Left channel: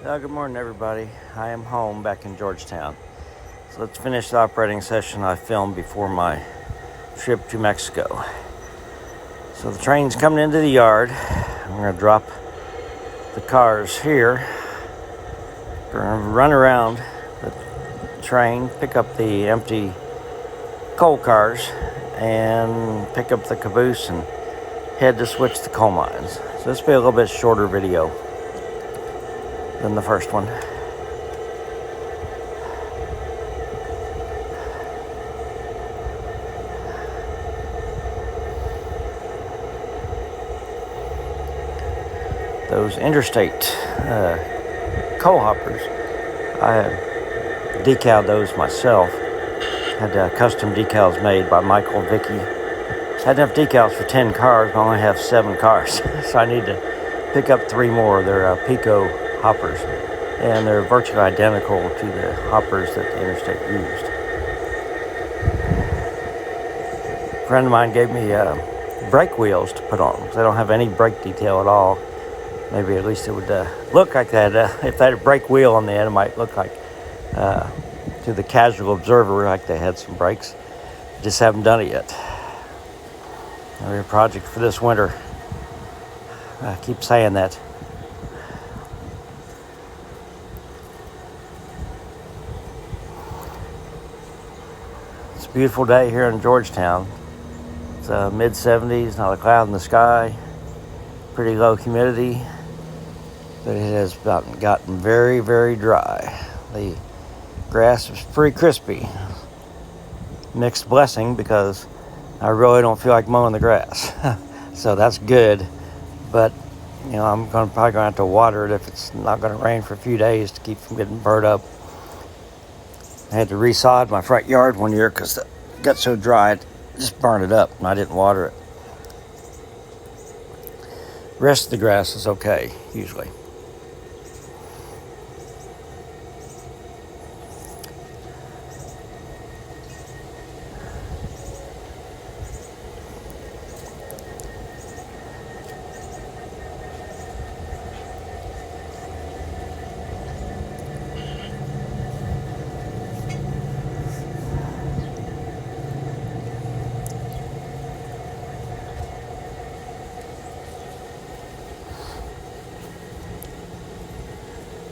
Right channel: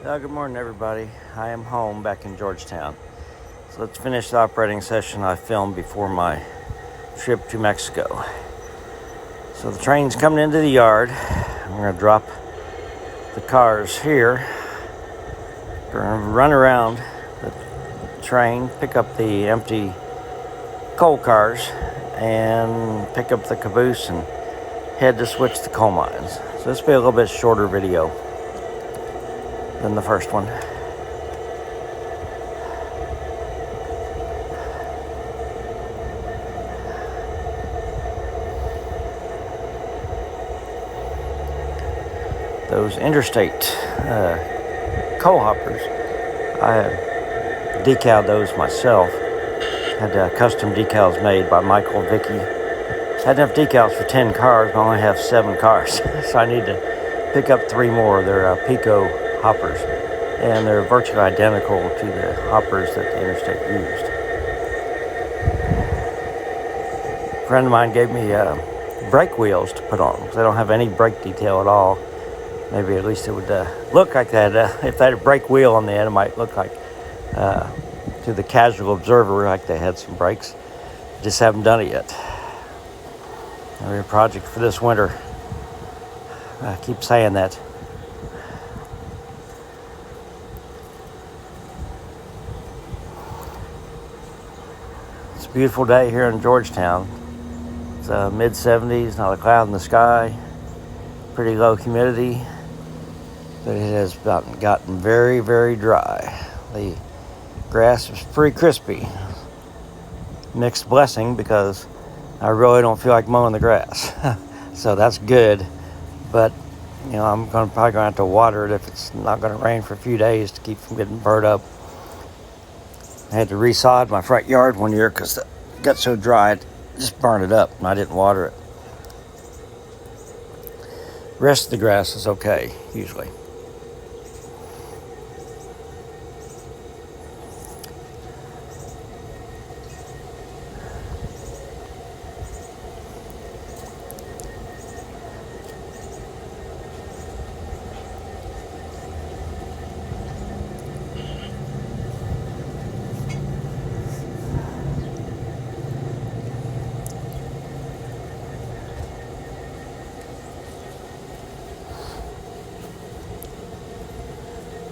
Good morning, everybody. I am home back in Georgetown. So let's finish the operating session I filmed before my trip to Mexico. So the train's coming into the yard. I'm going to drop the cars here. Going to run around the train, pick up the empty coal cars, and pick up the caboose and head to switch the coal mines. So this will be a little bit shorter video than the first one. Those interstate coal hoppers, I decaled those myself. Had custom decals made by Michael and Vicky. Had enough decals for 10 cars, but I only have 7 cars. So I need to pick up 3 more. They're Pico hoppers, and they're virtually identical to the hoppers that the Interstate used. A friend of mine gave me brake wheels to put on, because I don't have any brake detail at all. Maybe at least it would look like that. If they had a brake wheel on the end, it might look like, to the casual observer, like they had some brakes. Just haven't done it yet. Maybe a project for this winter. I keep saying that. It's a beautiful day here in Georgetown. It's mid-70s, not a cloud in the sky. Pretty low humidity. But it has gotten very, very dry. The grass is pretty crispy. Mixed blessing, because I really don't feel like mowing the grass. So that's good. But, I'm probably going to have to water it if it's not going to rain for a few days to keep from getting burnt up. I had to resod my front yard one year because it got so dry it just burned it up, and I didn't water it. The rest of the grass is okay, usually.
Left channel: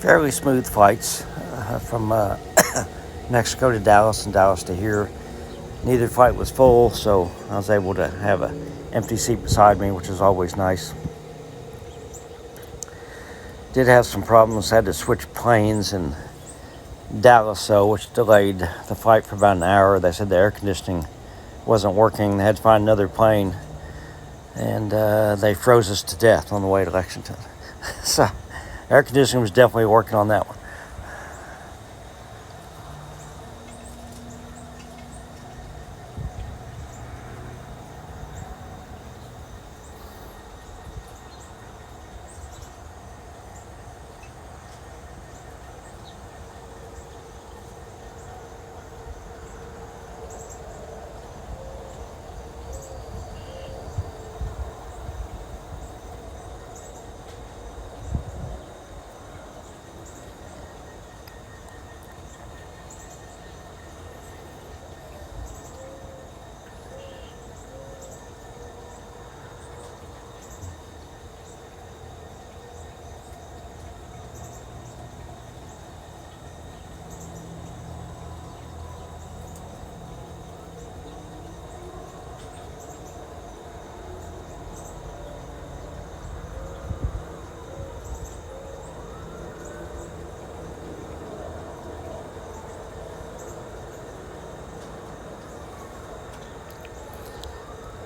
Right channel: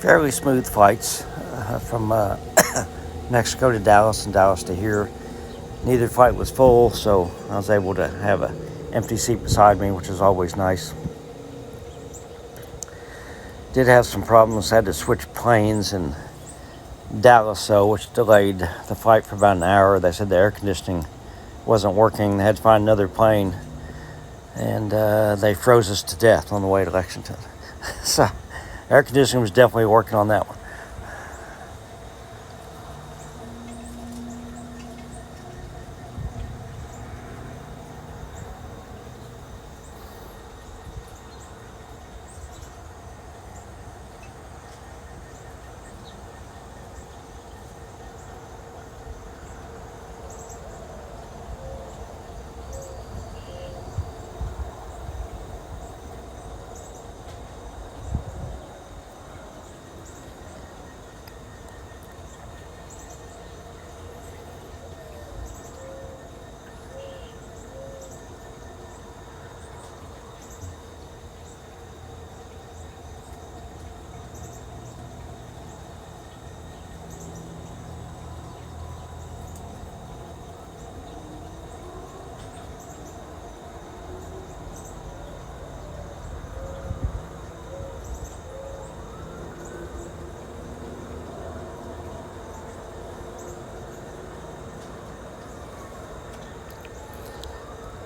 Fairly smooth flights from Mexico to Dallas and Dallas to here. Neither flight was full, so I was able to have an empty seat beside me, which is always nice. Did have some problems. Had to switch planes in Dallas, which delayed the flight for about an hour. They said the air conditioning wasn't working. They had to find another plane, and they froze us to death on the way to Lexington. So air conditioning was definitely working on that one.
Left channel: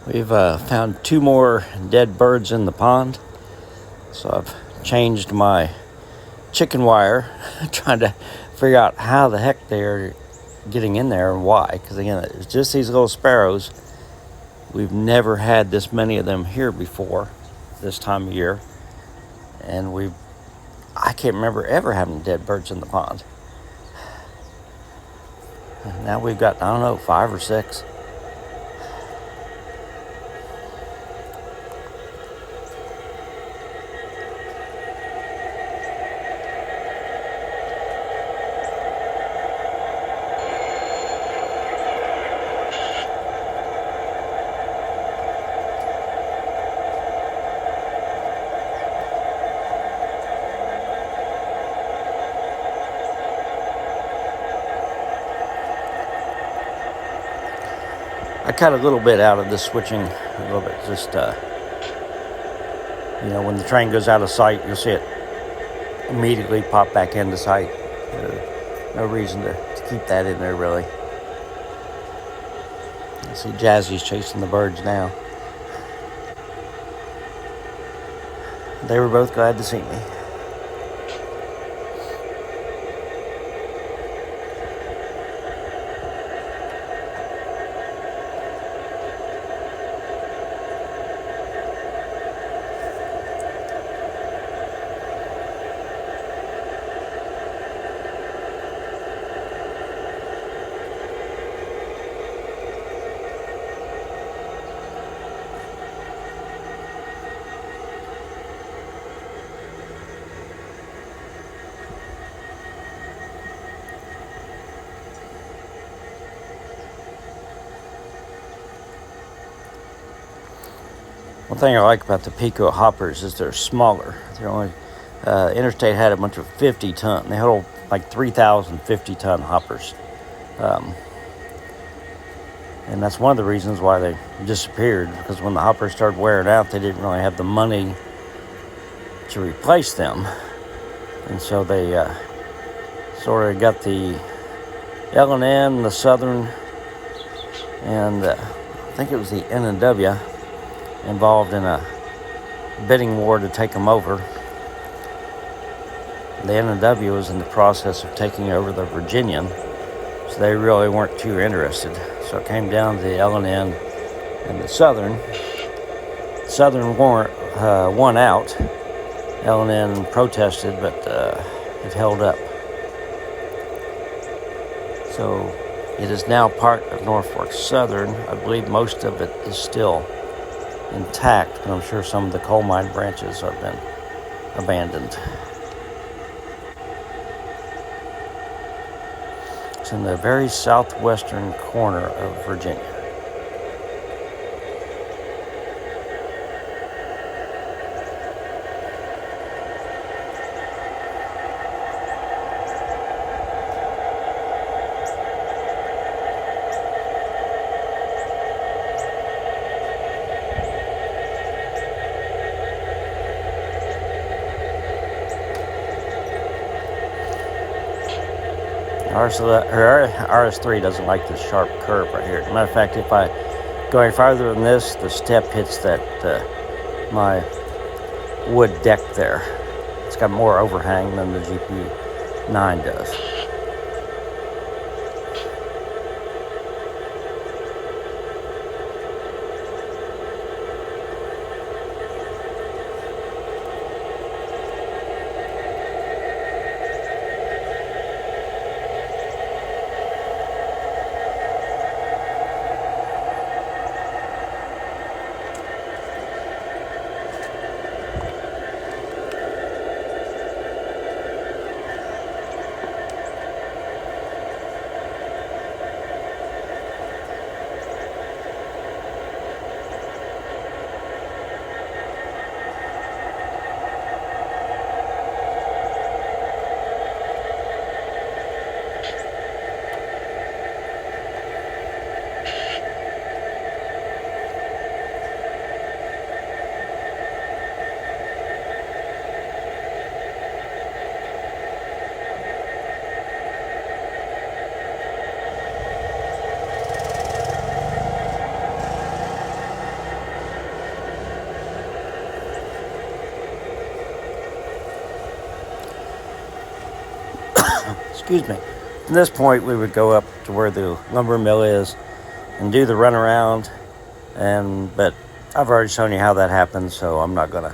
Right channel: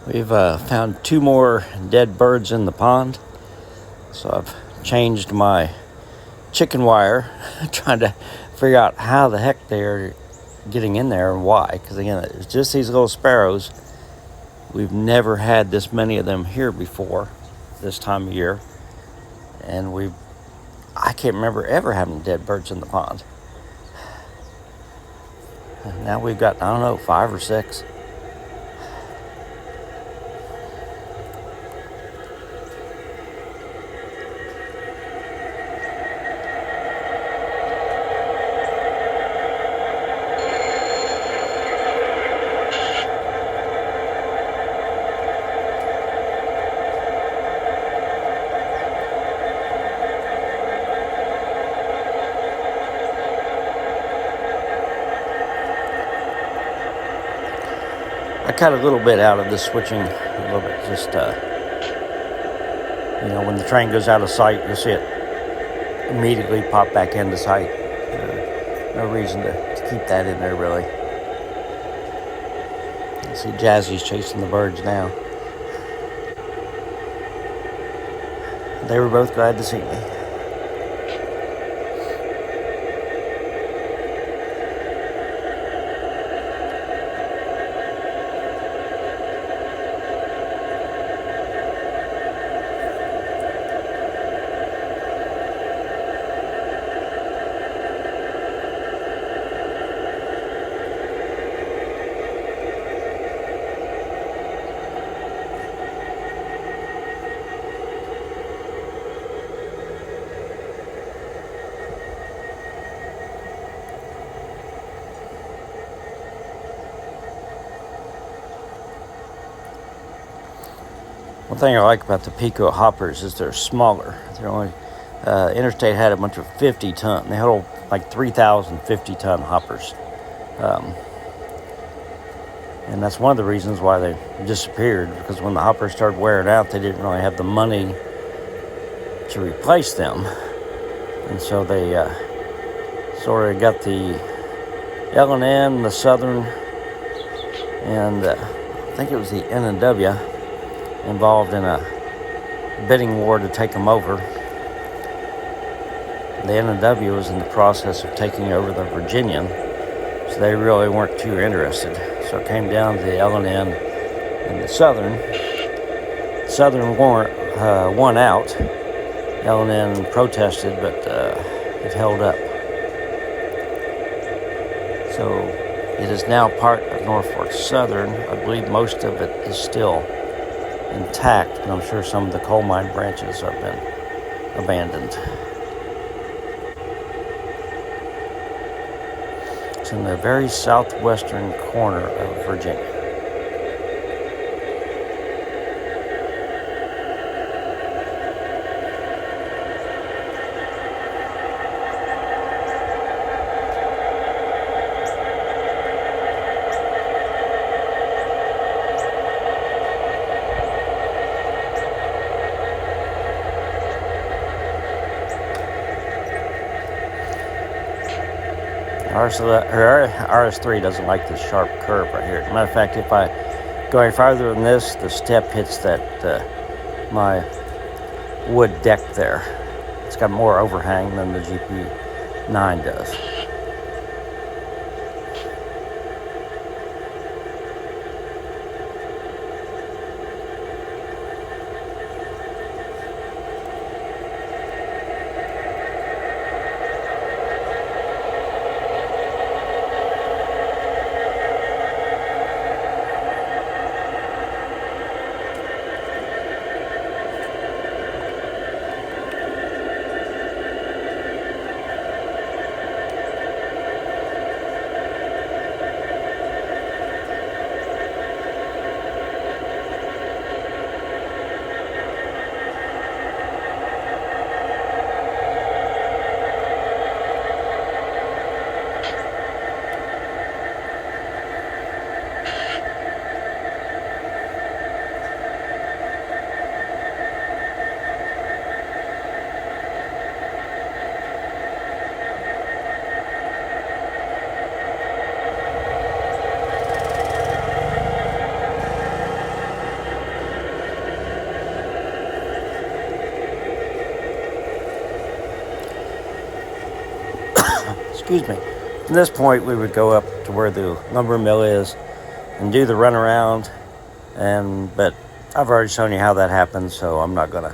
We've found 2 more dead birds in the pond. So I've changed my chicken wire, trying to figure out how the heck they're getting in there and why. Because again, it's just these little sparrows. We've never had this many of them here before this time of year. And I can't remember ever having dead birds in the pond. Now we've got, 5 or 6. I cut a little bit out of this switching, a little bit, just, when the train goes out of sight, you'll see it immediately pop back into sight. No reason to keep that in there, really. I see Jazzy's chasing the birds now. They were both glad to see me. One thing I like about the Pico hoppers is they're smaller. They're only Interstate had a bunch of 50-ton. They hold like 3,000 50-ton hoppers, and that's one of the reasons why they disappeared. Because when the hoppers started wearing out, they didn't really have the money to replace them, and so they sort of got the L&N, the Southern, and I think it was the N&W involved in a bidding war to take them over. The N&W was in the process of taking over the Virginian, so they really weren't too interested. So it came down to the L&N and the Southern. Southern won out. L&N protested, but it held up. So it is now part of Norfolk Southern. I believe most of it is still intact, but I'm sure some of the coal mine branches have been abandoned. It's in the very southwestern corner of Virginia. RS3 doesn't like this sharp curve right here. As a matter of fact, if I go any farther than this, the step hits that my wood deck there. It's got more overhang than the GP9 does. Excuse me. From this point, we would go up to where the lumber mill is and do the runaround. But I've already shown you how that happens, so I'm not going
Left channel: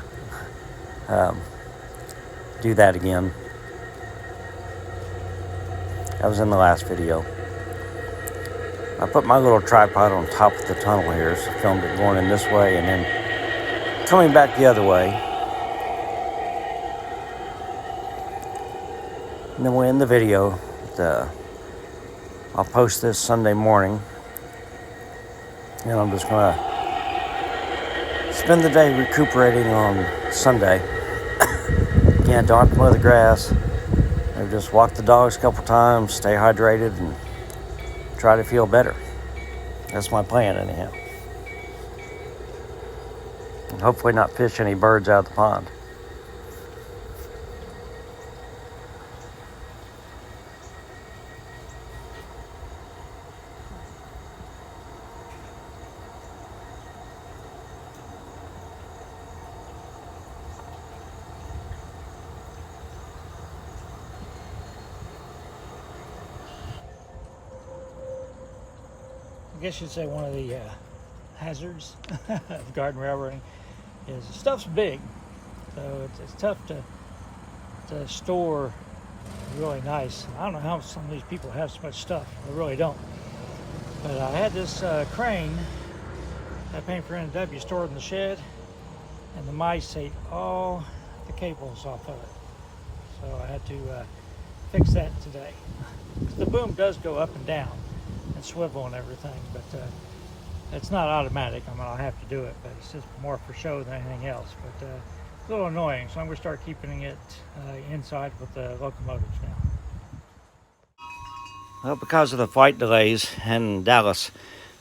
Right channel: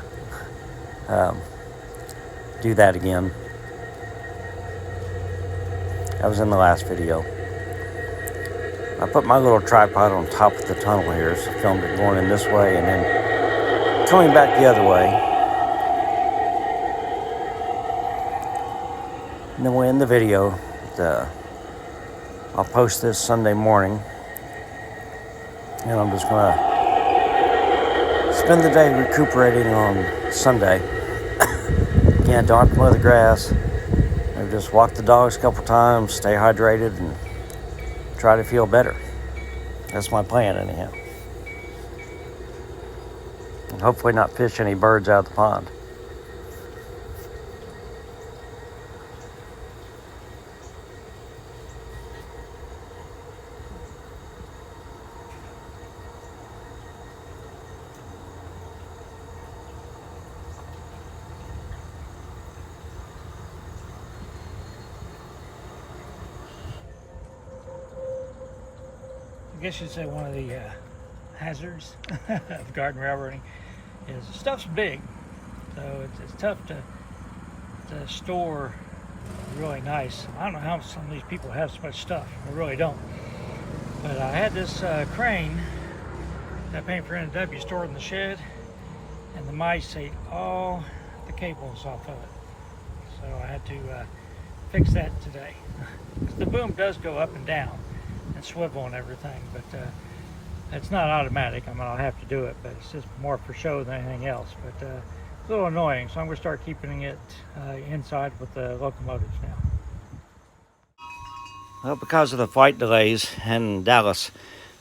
to do that again. That was in the last video. I put my little tripod on top of the tunnel here, so I filmed it going in this way and then coming back the other way. And then we'll end the video. I'll post this Sunday morning, and I'm just going to spend the day recuperating on Sunday. Again, don't have to mow the grass. Maybe just walk the dogs a couple times, stay hydrated, and try to feel better. That's my plan, anyhow. And hopefully not fish any birds out of the pond. I guess you'd say one of the hazards of garden railroading is the stuff's big, so it's tough to store really nice. I don't know how some of these people have so much stuff. I really don't. But I had this crane that I paid for NW stored in the shed, and the mice ate all the cables off of it. So I had to fix that today. The boom does go up and down and swivel and everything, but it's not automatic. I mean, I'll have to do it, but it's just more for show than anything else. But it's a little annoying, so I'm going to start keeping it inside with the locomotives now. Well, because of the flight delays in Dallas,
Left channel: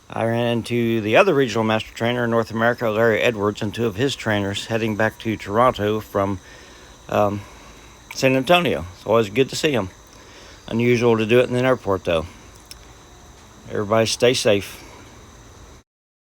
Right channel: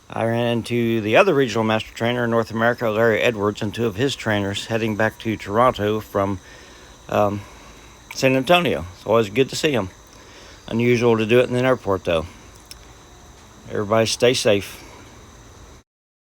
I ran into the other regional master trainer in North America, Larry Edwards, and two of his trainers heading back to Toronto from San Antonio. It's always good to see them. Unusual to do it in an airport, though. Everybody stay safe.